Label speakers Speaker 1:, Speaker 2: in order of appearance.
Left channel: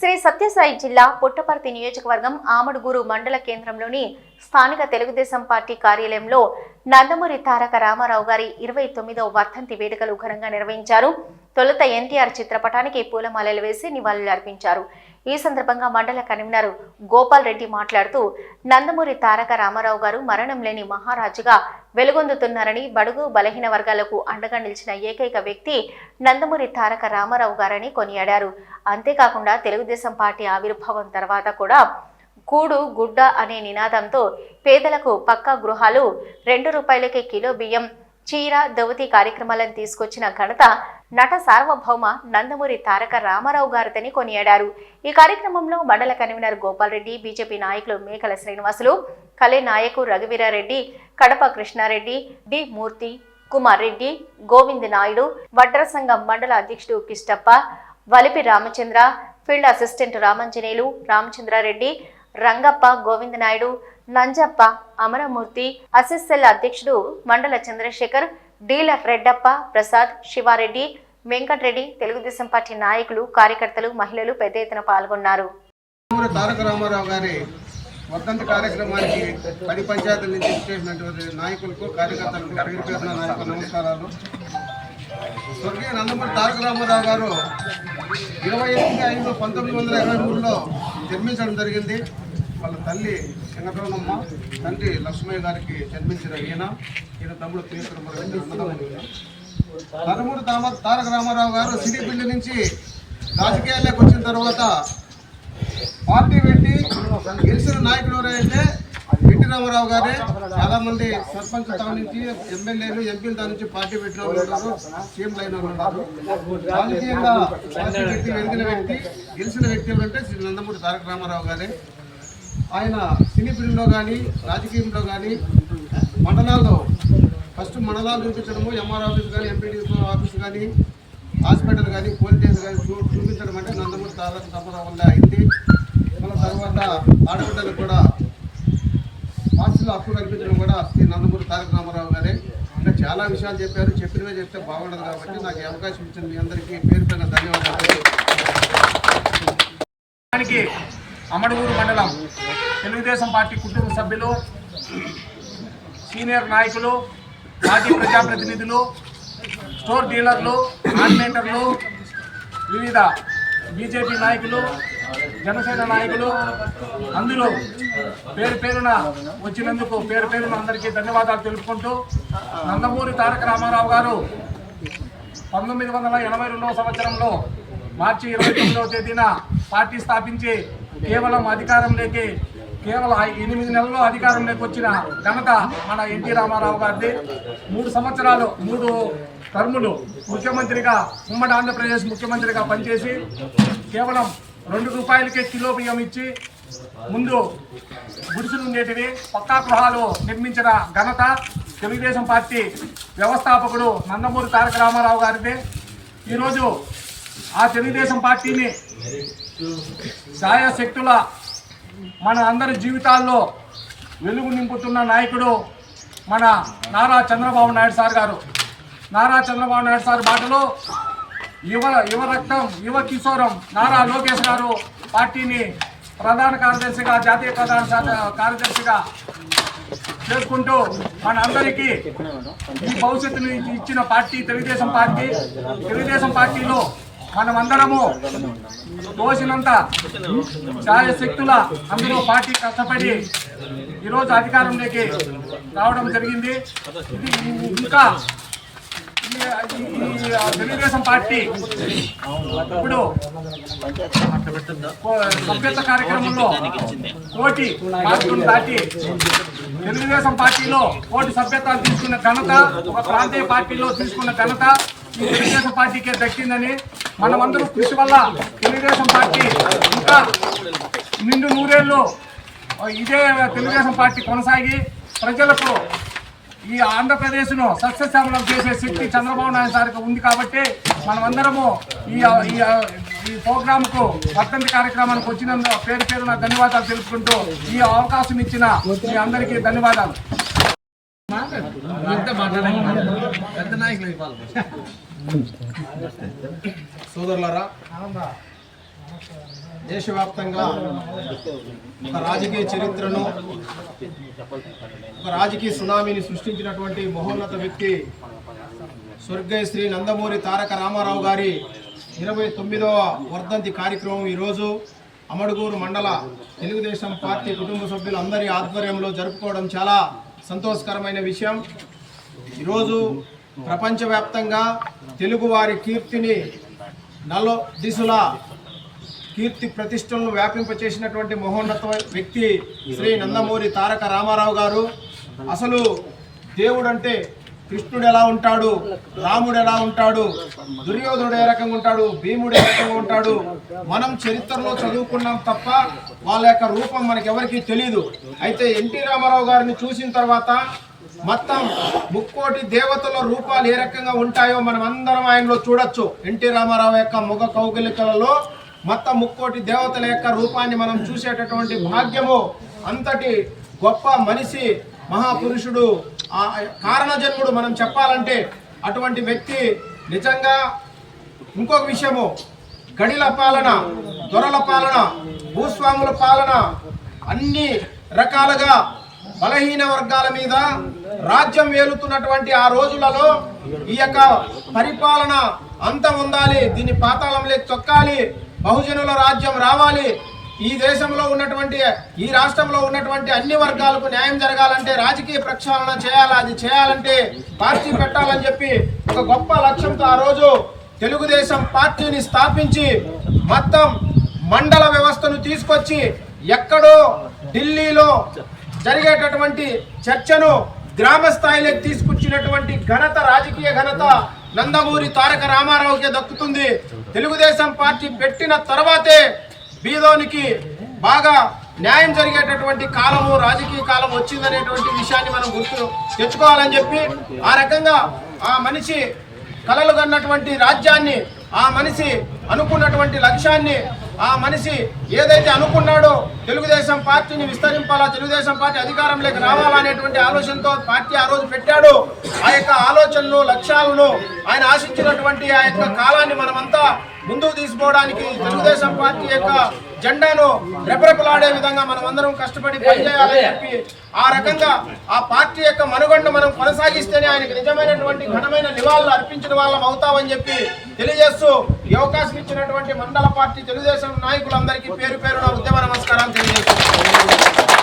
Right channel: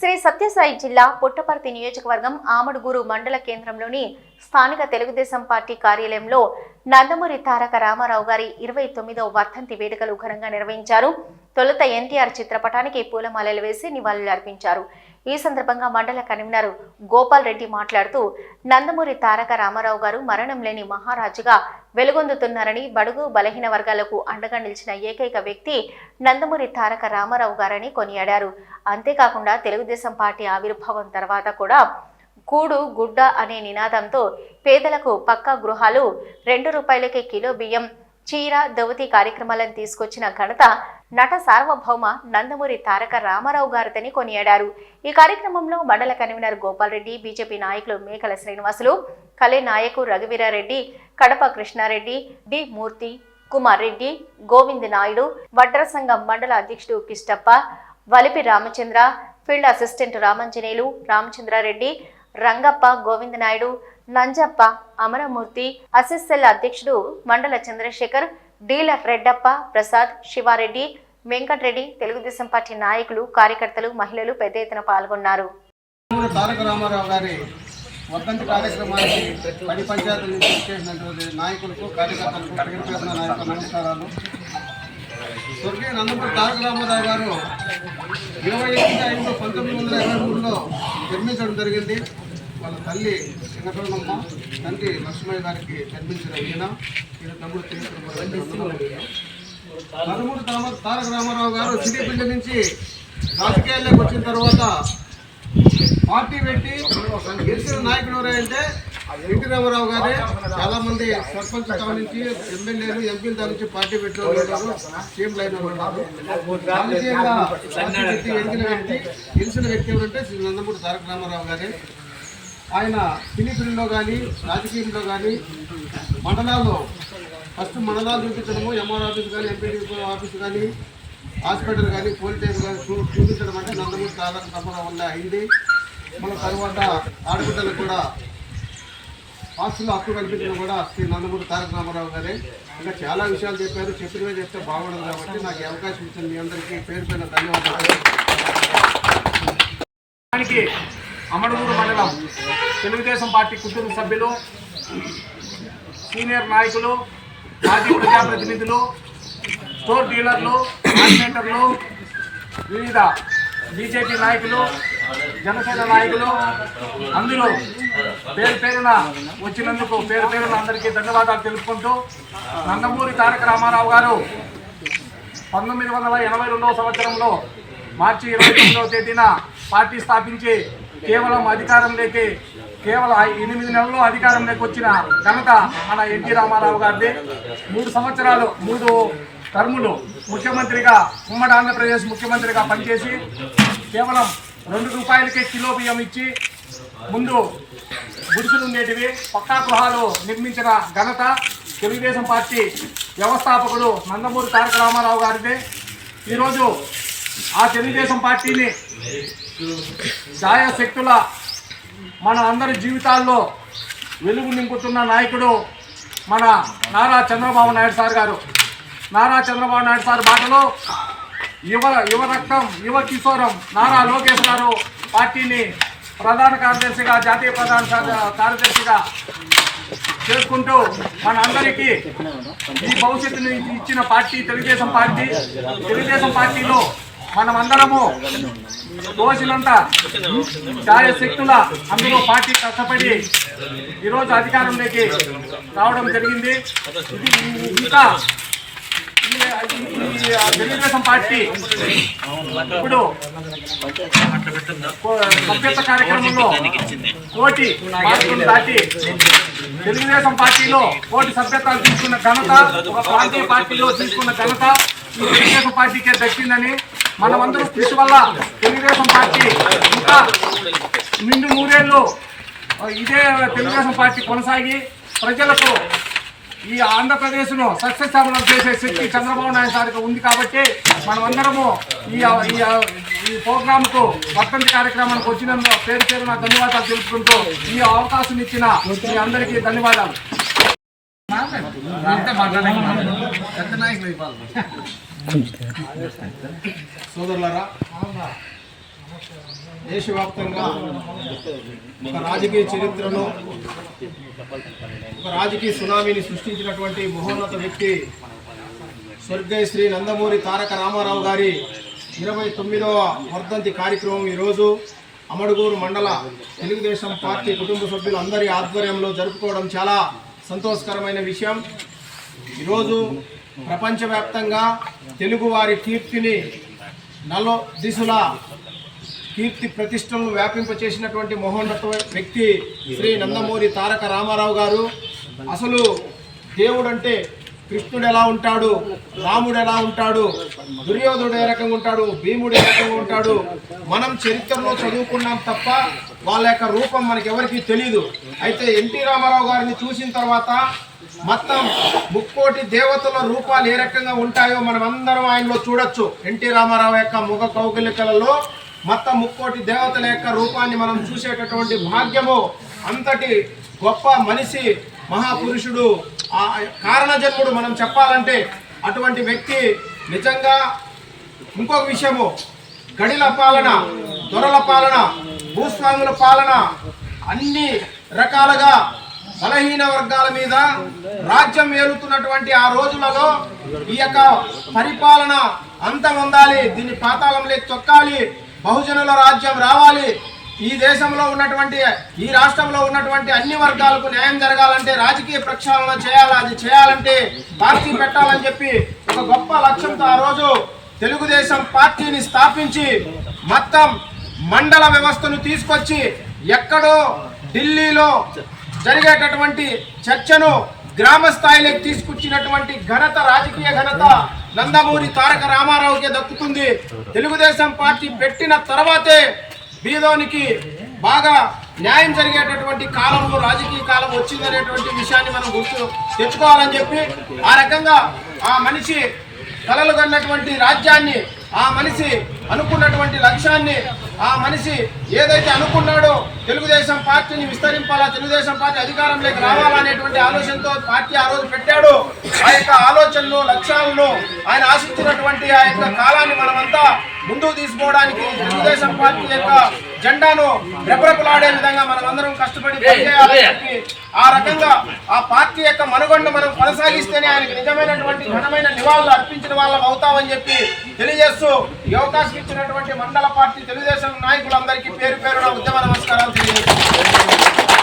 Speaker 1: శ్రీ సత్యసాయి జిల్లా పుట్టపర్తి నియోజకవర్గం ఆమడుగూరు మండల కేంద్రంలోని స్థానిక తెలుగుదేశం పార్టీ కార్యాలయంలో నందమూరి తారక రామారావు గారి ఇరవై తొమ్మిదవ వర్ధంతి వేడుకలు ఘనంగా నిర్వహించారు. తొలుత ఎన్టీఆర్ చిత్రపటానికి పూలమాలలు వేసి నివాళులు అర్పించారు. ఈ సందర్భంగా మండల కన్వీనర్ గోపాల్ రెడ్డి మాట్లాడుతూ నందమూరి తారక రామారావు గారు మరణం లేని మహారాజుగా వెలుగొందుతున్నారని బడుగు బలహీన వర్గాలకు అండగా నిలిచిన ఏకైక వ్యక్తి నందమూరి తారక రామారావు గారని కొనియాడారు. అంతేకాకుండా తెలుగుదేశం పార్టీ ఆవిర్భావం తర్వాత కూడా కూడు గుడ్డ అనే నినాదంతో పేదలకు పక్కా గృహాలు రెండు రూపాయలకే కిలో బియ్యం చీర దవతి కార్యక్రమాలను తీసుకొచ్చిన ఘనత నట సార్వభౌమ నందమూరి తారక రామారావు గారితని కొనియాడారు. ఈ కార్యక్రమంలో మండల కన్వీనర్ గోపాల్రెడ్డి బీజేపీ నాయకులు మేకల శ్రీనివాసులు కలే నాయకు రఘువీరారెడ్డి కడప కృష్ణారెడ్డి డి మూర్తి కుమార్ రెడ్డి గోవింద్ నాయుడు వడ్ర సంఘం మండల అధ్యక్షుడు కిష్టప్ప వలిపి రామచంద్ర ఫీల్డ్ అసిస్టెంట్ రామంజనేయులు రామచంద్రారెడ్డి రంగప్ప గోవింద్ నాయుడు నంజప్ప అమరమూర్తి అసిస్సెల్ అధ్యక్షుడు మండల చంద్రశేఖర్ డీలర్ రెడ్డప్ప ప్రసాద్ శివారెడ్డి వెంకటరెడ్డి తెలుగుదేశం పార్టీ నాయకులు కార్యకర్తలు మహిళలు పెద్ద ఎత్తున పాల్గొన్నారు.
Speaker 2: తారక రామారావు గారి వర్ధంతి కార్యక్రమానికి పది పంచాయతీల నుంచి చేసినటువంటి నాయకులకు కార్యకర్తలకు పేరు పేరున నాయకులు నమస్కారాలు. స్వర్గీయ నందమూరి తారక రామారావు గారు ఇరవై ఎనిమిది ఐదు పంతొమ్మిది వందల ఇరవై మూడులో జన్మించడం జరిగింది. వాళ్ళ తల్లి సింగతోనమ్మ తండ్రి లక్ష్మయ్య గారికి జన్మించిన ఈయన. ఈయన తమ్ముడు తీసుకుని నందమూరి తామ తారక రామారావు గారు సిరిపిల్లి నుంచి రాజకీయాల్లోకి వచ్చిన తర్వాత పార్టీ పెట్టి గెలిచిన నాయకుడు ఎవరైతే? ఎన్టీ రామారావు గారే. చాలా మంది సర్పంచ్ స్థానం నుంచి ఎమ్మెల్యేలు ఎంపీల దాని నుంచి పార్టీ పెట్టిన వాళ్ళు సీఎం లైన్ రాజకీయంగా పార్టీ వ్యక్తి గెలిచిన వ్యక్తి ఎవరంటే శ్రీ నందమూరి తారక రామారావు గారే. ఆయన సినీ కానీ రాజకీయంలో కానీ మండలాల్లో ఫస్ట్ మండలాలు చూపించడము ఎంఆర్ ఆఫీస్ కానీ ఎంపీ ఆఫీస్ కానీ హాస్పిటల్ కానీ పోలీస్ స్టేషన్ కానీ చూ చూపించడం అంటే నందమూరి తారక తప్పడం వల్ల అయింది. మన తర్వాత ఆడబిడ్డలకు కూడా పార్టీలో హక్కు కల్పించడం కూడా శ్రీ నందమూరి తారక రామారావు గారే. ఇంకా చాలా విషయాలు చెప్పారు. చెప్పినవే చెప్తే బాగుండదు కాబట్టి నాకు అవకాశం ఇచ్చింది మీ అందరికీ పేరు పైన ధన్యవాదాలు.
Speaker 3: అమడుగూరు మండలం. తెలుగుదేశం పార్టీ కుటుంబ సభ్యులు సీనియర్ నాయకులు మాజీ ప్రజాప్రతినిధులు స్టోర్ డీలర్లు ఆపరేటర్లు వివిధ బీజేపీ నాయకులు జనసేన నాయకులు అందులో పేరు పేరున వచ్చినందుకు పేరు పేరున అందరికీ ధన్యవాదాలు తెలుపుకుంటూ నందమూరి తారక రామారావు గారు పంతొమ్మిది వందల ఎనభై రెండవ సంవత్సరంలో మార్చి ఇరవై తొమ్మిదవ తేదీన పార్టీ స్థాపించి కేవలం అధికారంలోకి కేవలం ఎనిమిది నెలల్లో అధికారంలోకి వచ్చిన ఘనత మన ఎన్టీ రామారావు గారిది. మూడు సంవత్సరాలు మూడు టర్ములు ముఖ్యమంత్రిగా ఉమ్మడి ఆంధ్రప్రదేశ్ ముఖ్యమంత్రిగా పనిచేసి కేవలం రెండు రూపాయలకే కిలో బియ్యం ఇచ్చి ముందు గుడిసెలు ఉండేటివి పక్కా గృహాలు నిర్మించిన ఘనత తెలుగుదేశం పార్టీ వ్యవస్థాపకుడు నందమూరి తారక రామారావు గారిదే. ఈరోజు ఆ తెలుగుదేశం పార్టీని శక్తుల మన అందరి జీవితాల్లో వెలుగు నింపుతున్న నాయకుడు మన నారా చంద్రబాబు నాయుడు సార్ గారు. నారా చంద్రబాబు నాయుడు సార్ బాటలో యువ యువ రక్తం యువ కిశోరం నారా లోకేష్ గారు పార్టీని ప్రధాన కార్యదర్శిగా జాతీయ ప్రధాన కార్యదర్శిగా చేసుకుంటూ మన అందరికీ ఈ భవిష్యత్తుని ఇచ్చిన పార్టీ తెలుగుదేశం పార్టీ. తెలుగుదేశం పార్టీలో మనమందరము దోషులంతా. శక్తుల అందులో పార్టీ కష్టపడి ఈరోజు అధికారంలోకి రావడం జరిగింది. ఇది ఇంకా తెలుగుదేశం పార్టీ ఇప్పుడు సభ్యత సభ్యత్వ కార్యక్రమంలో కోటి మార్కులు దాటి తెలుగుదేశం పార్టీలో కోటి సభ్యత్వాలు తీసుకున్న ఘనత ఒక ప్రాంతీయ పార్టీలో తీసుకున్న ఘనత తెలుగుదేశం పార్టీకే దక్కిందని మనమందరం కృషి వల్ల తెలుగుదేశం పార్టీ ఇంకా నిండు నూరేళ్ళు ఇదే తెలుగుదేశం పార్టీ కొనసాగి ప్రజలకు ఈ ఆంధ్రప్రదేశ్ను సస్యశ్యామలం చేసే శక్తి చంద్రబాబు నాయుడు సార్కి ఉంది కాబట్టి మనమందరము ఈ ఈ ప్రోగ్రాంకు వర్తంతి కార్యక్రమానికి వచ్చినందుకు పేరు పేరున ధన్యవాదాలు తెలుపుకుంటూ ఈ అవకాశం ఇచ్చిన మీ అందరికీ ధన్యవాదాలు. అంతే
Speaker 2: మాట్లాడే సోదరులారా
Speaker 4: దేశవ్యాప్తంగా ఒక రాజకీయ చరిత్రను ఒక రాజకీయ సునామీని సృష్టించినటువంటి మహోన్నత వ్యక్తి స్వర్గీయ శ్రీ నందమూరి తారక రామారావు గారి ఇరవై తొమ్మిదవ వర్ధంతి కార్యక్రమం ఈరోజు అమడుగూరు మండల తెలుగుదేశం పార్టీ కుటుంబ సభ్యులందరి ఆధ్వర్యంలో జరుపుకోవడం చాలా సంతోషకరమైన విషయం. ఈరోజు ప్రపంచవ్యాప్తంగా తెలుగువారి కీర్తిని నలో దిశలా కీర్తి ప్రతిష్టలను వ్యాపింపచేసినటువంటి మహోన్నత వ్యక్తి శ్రీ నందమూరి తారక రామారావు గారు. అసలు దేవుడు అంటే కృష్ణుడు ఎలా ఉంటాడు? రాముడు ఎలా ఉంటాడు? దుర్యోధనుడు ఏ రకంగా ఉంటాడు? భీముడు ఏ రకంగా ఉంటాడు? మనం చరిత్రలో చదువుకున్నాం తప్ప వాళ్ళ యొక్క రూపం మనకి ఎవరికీ తెలియదు అయితే ఎన్టీ రామారావు గారిని చూసిన తర్వాత మొత్తం ముక్కోటి దేవతల రూపాలు ఏ రకంగా ఉంటాయో మనం అందరం ఆయనలో చూడొచ్చు. ఎన్టీ రామారావు యొక్క ముఖ కౌగిలికలలో మొత్తం ముక్కోటి దేవతల యొక్క రూపాన్ని మనం చూసేటటువంటి భాగ్యము. అంతటి గొప్ప మనిషి మహాపురుషుడు ఆ కారణజన్ముడు మనం చెప్పాలంటే అటువంటి వ్యక్తి నిజంగా ఇంకొక విషయము. గడిల పాలన దొరల పాలన భూస్వాముల పాలన అన్ని రకాలుగా బలహీన వర్గాల మీద రాజ్యం ఏలుతున్నటువంటి ఆ రోజులలో ఈ యొక్క పరిపాలన అంతం ఉండాలి దీన్ని పాతాళంలోకి తొక్కాలి బహుజనుల రాజ్యం రావాలి. ఈ దేశంలో ఉన్నటువంటి ఈ రాష్ట్రంలో ఉన్నటువంటి అన్ని వర్గాలకు న్యాయం జరగాలంటే రాజకీయ ప్రక్షాళన చేయాలి అది చేయాలంటే పార్టీ పెట్టాలని చెప్పి ఒక గొప్ప లక్ష్యంతో ఆ రోజు తెలుగుదేశం పార్టీని స్థాపించి మొత్తం మండల వ్యవస్థను తీసుకొచ్చి ఎక్కడో ఢిల్లీలో జరిగేటటువంటి చర్చను గ్రామ స్థాయిలోకి తీసుకొచ్చినటువంటి ఘనత రాజకీయ ఘనత నందమూరి తారక రామారావుకే దక్కుతుంది. తెలుగుదేశం పార్టీ పెట్టిన తర్వాతే బీదోనికి బాగా న్యాయం జరిగేటటువంటి కాలము రాజకీయ కాలం వచ్చిందనేటువంటి విషయాన్ని మనం గుర్తు తెచ్చుకోవాలని చెప్పి ఆ రకంగా ఆ మనిషి కలలు కన్నటువంటి రాజ్యాన్ని ఆ మనిషి అనుకున్నటువంటి లక్ష్యాన్ని ఆ మనిషి ఏదైతే అనుకున్నాడో తెలుగుదేశం పార్టీని విస్తరింపాలా తెలుగుదేశం పార్టీ అధికారంలోకి రావాలనేటువంటి ఆలోచనతో పార్టీ ఆ రోజు పెట్టాడు. ఆ యొక్క ఆలోచనలు లక్ష్యాలను ఆయన ఆశించినటువంటి ఆ యొక్క కాలాన్ని మనమంతా ముందుకు తీసుకోవడానికి తెలుగుదేశం పార్టీ యొక్క జెండాను రెపరెపలాడే విధంగా మనం అందరం కష్టపడి పనిచేయాలని చెప్పి ఆ రకంగా ఆ పార్టీ యొక్క మనుగొండ మనం కొనసాగిస్తేనే ఆయనకు నిజమైనటువంటి ఘనమైన నివాళులు అర్పించిన వాళ్ళం అవుతామని చెప్పి తెలియజేస్తూ ఈ అవకాశం ఇచ్చినటువంటి మండల పార్టీ తెలుగుదేశం నాయకులందరికీ పేరు పేరున ఉద్యమ నమస్కారాలు తెలియజేస్తున్నాను.